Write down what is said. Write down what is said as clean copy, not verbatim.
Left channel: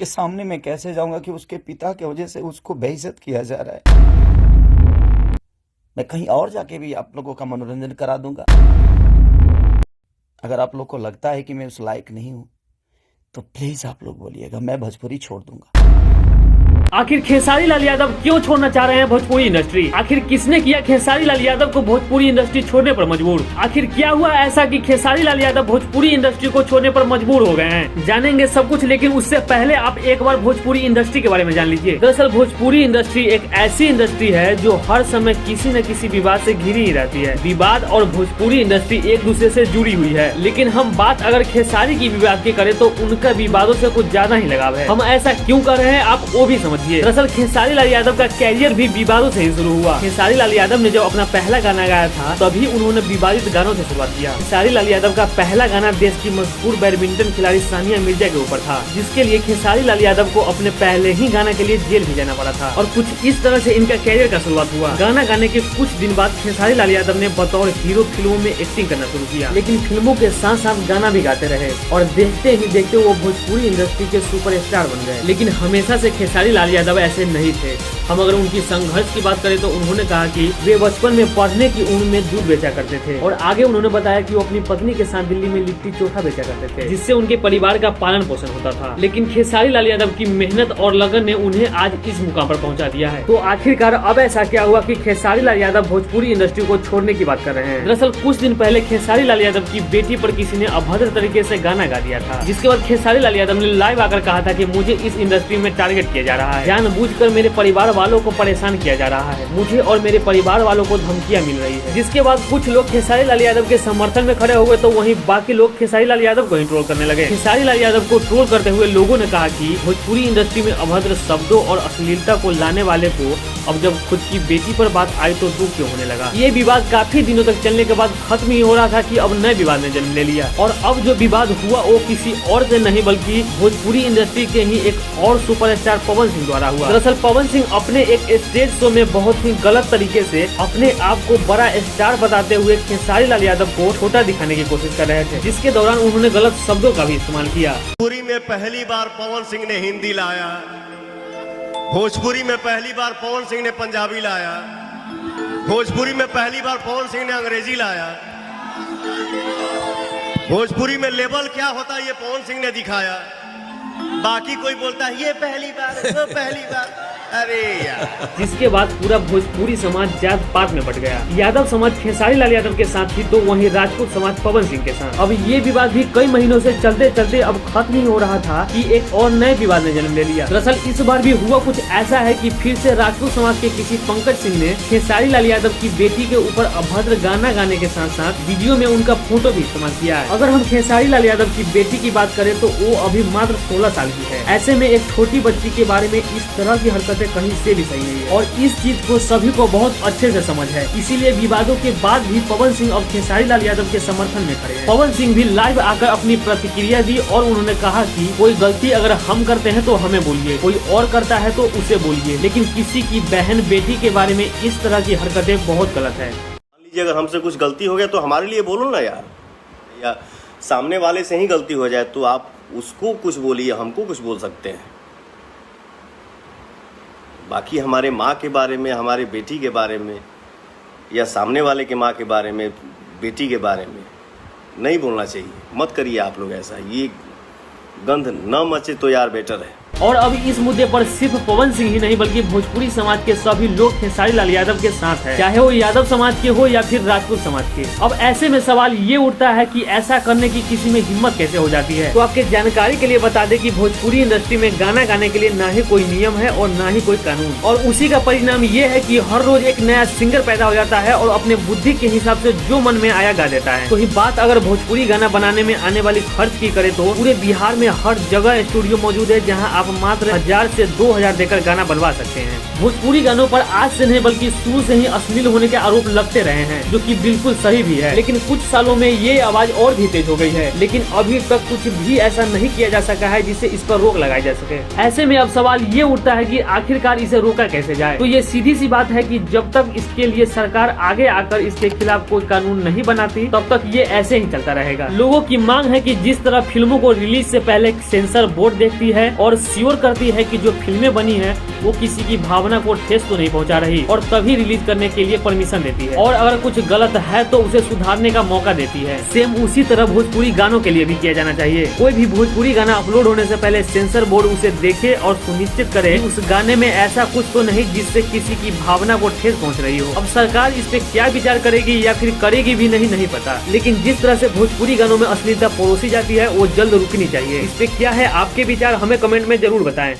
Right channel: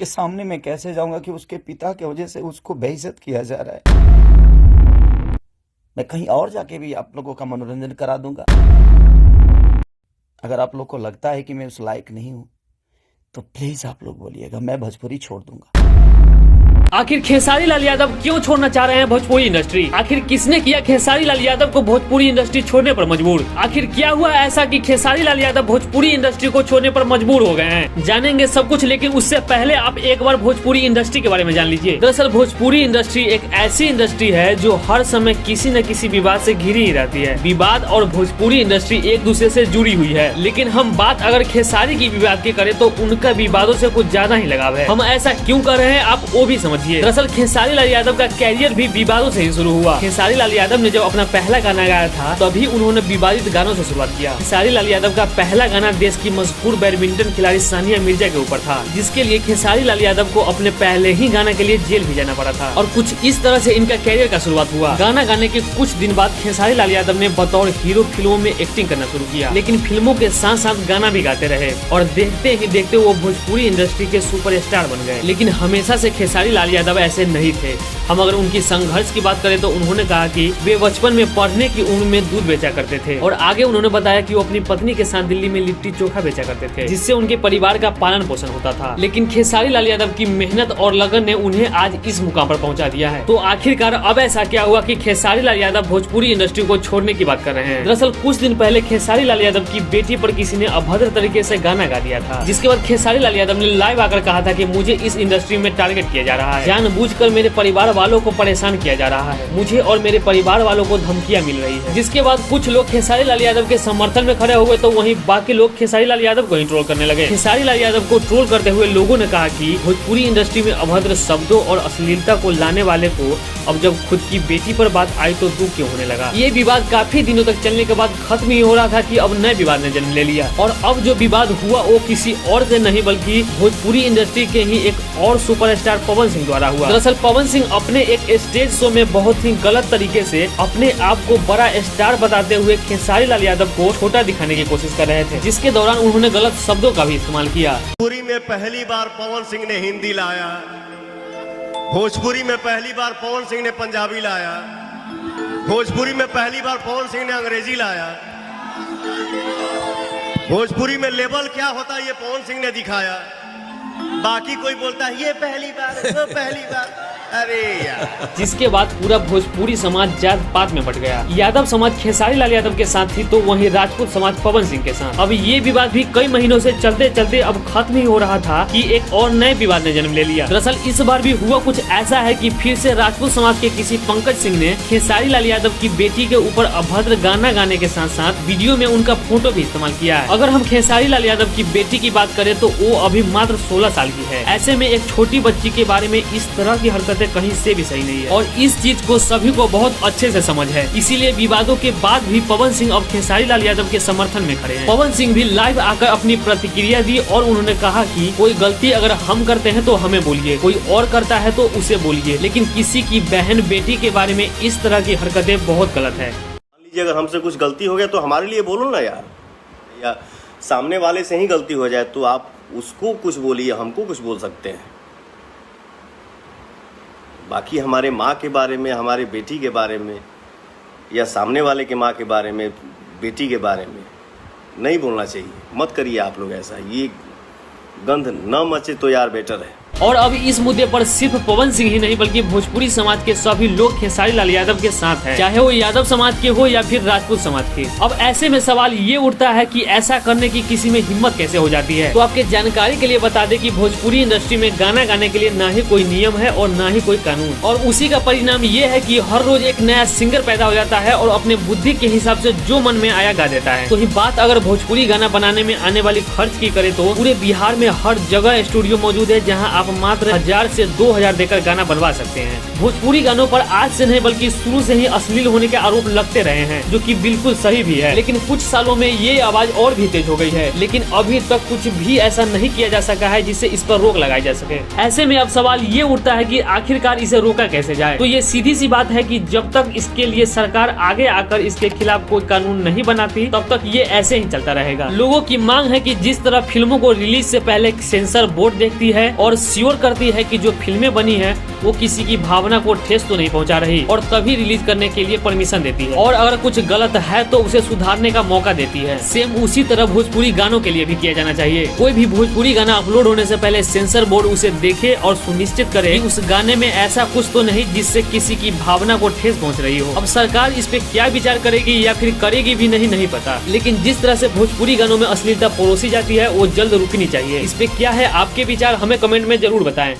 उसके सामने मैं कैसे जाऊंगा कि उसके पिता की वजह से उसको बेइज्जत किया जा रहा है। मैं कहीं और जाके भी आप लोगों का मनोरंजन करा दूंगा। अगर आप लोग को लगता है कि मैं उस लायक नहीं हूं तो प्लीज आप लोग बोलिएगा, मैं भोजपुरी छोड़ दूंगा। आखिर खेसारी लाल यादव क्यों छोड़ना चाह रहे हैं भोजपुरी इंडस्ट्री? आखिर किसने किया खेसारी लाल यादव को भोजपुरी इंडस्ट्री छोड़ने पर मजबूर? आखिर क्या हुआ ऐसा कि खेसारी लाल यादव भोजपुरी इंडस्ट्री को छोड़ने पर मजबूर हो गए हैं? जानेंगे सब कुछ, लेकिन उससे पहले आप एक बार भोजपुरी इंडस्ट्री के बारे में जान लीजिए। दरअसल भोजपुरी इंडस्ट्री एक ऐसी इंडस्ट्री है जो हर समय किसी न किसी विवाद से घिरी ही रहती है। विवाद और भोजपुरी इंडस्ट्री एक दूसरे से जुड़ी हुई है, लेकिन हम बात अगर खेसारी की विवाद की करें तो उनका विवादों से कुछ ज्यादा ही लगाव है। हम ऐसा क्यों कर रहे हैं आप वो भी समझिए। दरअसल खेसारी लाल यादव का कैरियर भी विवादों से ही शुरू हुआ। खेसारी लाल यादव ने जब अपना पहला गाना गाया था तभी उन्होंने विवादित गानों से शुरुआत किया। खेसारी लाल यादव का पहला गाना देश की मशहूर बैडमिंटन खिलाड़ी सानिया मिर्जा के ऊपर था, जिसके लिए खेसारी लाल यादव को अपने पहले ही गाने के लिए जेल भी जाना पड़ा था। और कुछ इस तरह से इनका कैरियर का शुरुआत हुआ। गाना गाने के कुछ दिन बाद खेसारी लाल यादव ने बतौर हीरो फिल्मों में एक्टिंग करना शुरू किया, लेकिन फिल्मों के साथ साथ गाना भी गाते रहे और देखते ही देखते वो भोजपुरी इंडस्ट्री के सुपरस्टार बन गए। लेकिन हमेशा से खेसारी लाल यादव ऐसे नहीं थे। हम अगर उनकी संघर्ष की बात करें तो उन्होंने कहा कि वे बचपन में पढ़ने की उम्र में दूध बेचा करते थे और आगे उन्होंने बताया कि वो अपनी पत्नी के साथ दिल्ली में लिट्टी चोखा बेचा करते थे, जिससे उनके परिवार का पालन पोषण होता था। लेकिन खेसारी लाल यादव की मेहनत और लगन ने उन्हें आज इस मुकाम पर पहुंचा दिया है। तो आखिरकार अब ऐसा क्या हुआ कि खेसारी लाल यादव भोजपुरी इंडस्ट्री को छोड़ने की बात कर रहे हैं? दरअसल कुछ दिन पहले खेसारी लाल यादव की बेटी पर किसी ने अभद्र तरीके से गाना गा दिया था, जिसके बाद खेसारी लाल यादव ने लाइव आकर कहा था कि मुझे इस इंडस्ट्री में टारगेट किया जा रहा है, जानबूझकर मेरे परिवार वालों को परेशान किया जा रहा है, मुझे और मेरे परिवार वालों को धमकियां मिल रही है। जिसके बाद कुछ लोग खेसारी लाल यादव के समर्थन में खड़े हुए तो वहीं बाकी लोग खेसारी लाल यादव को ही ट्रोल करने लगे। खेसारी लाल यादव को ट्रोल करते हुए लोगों ने कहा कि भोजपुरी इंडस्ट्री में अभद्र शब्दों और अश्लीलता को लाने वाले को अब जब खुद की बेटी पर बात आई तो दुख क्यों होने लगा। ये विवाद काफी दिनों तक चलने के बाद खत्म ही हो रहा था कि अब नए विवाद ने जन्म ले लिया और अब जो विवाद हुआ वो किसी और से नहीं बल्कि भोजपुरी इंडस्ट्री के ही एक और सुपरस्टार पवन सिंह द्वारा हुआ। दरअसल पवन सिंह अपने एक स्टेज शो में बहुत ही गलत तरीके से अपने आप को बड़ा स्टार बताते हुए खेसारी लाल यादव को छोटा दिखाने की कोशिश कर रहे थे, जिसके दौरान उन्होंने गलत शब्दों का भी इस्तेमाल किया। भोजपुरी में पहली बार पवन सिंह ने हिंदी लाया, भोजपुरी में पहली बार पवन सिंह ने पंजाबी लाया, भोजपुरी में पहली बार पवन सिंह ने अंग्रेजी लाया। भोजपुरी में लेवल क्या होता है ये पवन सिंह ने दिखाया। बाकी कोई बोलता है ये पहली बार, वो पहली बार, अरे यार। जिसके बाद पूरा भोजपुरी समाज जात पात में बट गया। यादव समाज खेसारी लाल यादव के साथ थी तो वहीं राजपूत समाज पवन सिंह के साथ। अब ये विवाद भी कई महीनों से चलते चलते अब खत्म ही हो रहा था कि एक और नए विवाद ने जन्म ले लिया। दरअसल इस बार भी हुआ कुछ ऐसा है कि फिर से राजपूत समाज के किसी पंकज सिंह ने खेसारी लाल यादव की बेटी के ऊपर अभद्र गाना गाने के साथ साथ वीडियो में उनका फोटो भी इस्तेमाल किया है। अगर हम खेसारी लाल यादव की बेटी की बात करें तो वो अभी मात्र 16 साल की है। ऐसे में एक छोटी बच्ची के बारे में इस तरह की हरकतें कहीं से भी सही नहीं है और इस चीज को सभी को बहुत अच्छे से समझ है। इसीलिए विवादों के बाद भी पवन सिंह अब खेसारी लाल यादव के समर्थन में खड़े हैं। पवन सिंह भी लाइव आकर अपनी प्रतिक्रिया दी और उन्होंने कहा कि कोई गलती अगर हम करते हैं तो हमें बोलिए, कोई और करता है तो उसे बोलिए, लेकिन किसी की बहन बेटी के बारे में इस तरह की हरकतें बहुत गलत है। मान लीजिए अगर हमसे कुछ गलती हो गया तो हमारे लिए बोलो ना यार, या सामने वाले से ही गलती हो जाए तो आप उसको कुछ बोलिए, हमको कुछ बोल सकते हैं। बाकी हमारे माँ के बारे में, हमारे बेटी के बारे में या सामने वाले के माँ के बारे में, बेटी के बारे में नहीं बोलना चाहिए। मत करिए आप लोग ऐसा, ये गंध न मचे तो यार बेटर है। और अब इस मुद्दे पर सिर्फ पवन सिंह ही नहीं बल्कि भोजपुरी समाज के सभी लोग खेसारी लाल यादव के साथ हैं, चाहे वो यादव समाज के हो या फिर राजपूत समाज के। अब ऐसे में सवाल ये उठता है कि ऐसा करने की किसी में हिम्मत कैसे हो जाती है। तो आपके जानकारी के लिए बता दें कि भोजपुरी इंडस्ट्री में गाना गाने के लिए ना ही कोई नियम है और ना ही कोई कानून, और उसी का परिणाम ये है कि हर रोज एक नया सिंगर पैदा हो जाता है और अपने बुद्धि के हिसाब से जो मन में आया गा देता है। तो ही बात अगर भोजपुरी गाना बनाने में आने वाली खर्च की करे तो पूरे बिहार में हर जगह स्टूडियो मौजूद है जहाँ आप मात्र 1000 से 2000 देकर गाना बनवा सकते हैं। भोजपुरी गानों पर आज से नहीं बल्कि शुरू से ही अश्लील होने के आरोप लगते रहे हैं, जो कि बिल्कुल सही भी है। लेकिन कुछ सालों में ये आवाज और भी तेज हो गई है, लेकिन अभी तक कुछ भी ऐसा नहीं किया जा सका है जिससे इस पर रोक लगाई जा सके। ऐसे में अब सवाल ये उठता है कि आखिरकार इसे रोका कैसे जाए। तो ये सीधी सी बात है कि जब तक इसके लिए सरकार आगे आकर इसके खिलाफ कोई कानून नहीं बनाती तब तक ये ऐसे ही चलता रहेगा। लोगों की मांग है कि जिस तरह फिल्मों को रिलीज से पहले सेंसर बोर्ड देखती है और इंश्योर करती है कि जो फिल्में बनी है वो किसी की भावना को ठेस तो नहीं पहुंचा रही और तभी रिलीज करने के लिए परमिशन देती है, और अगर कुछ गलत है तो उसे सुधारने का मौका देती है। सेम उसी तरह भोजपुरी गानों के लिए भी किया जाना चाहिए। कोई भी भोजपुरी गाना अपलोड होने से पहले सेंसर बोर्ड उसे देखे और सुनिश्चित करे कि उस गाने में ऐसा कुछ तो नहीं जिससे किसी की भावना को ठेस पहुंच रही हो। अब सरकार इस पे क्या विचार करेगी या फिर करेगी भी नहीं पता, लेकिन जिस तरह से भोजपुरी गानों में अश्लीलता परोसी जाती है वो जल्द रुकनी चाहिए। इस पे क्या है आपके विचार, हमें कमेंट में जरूर बताएं।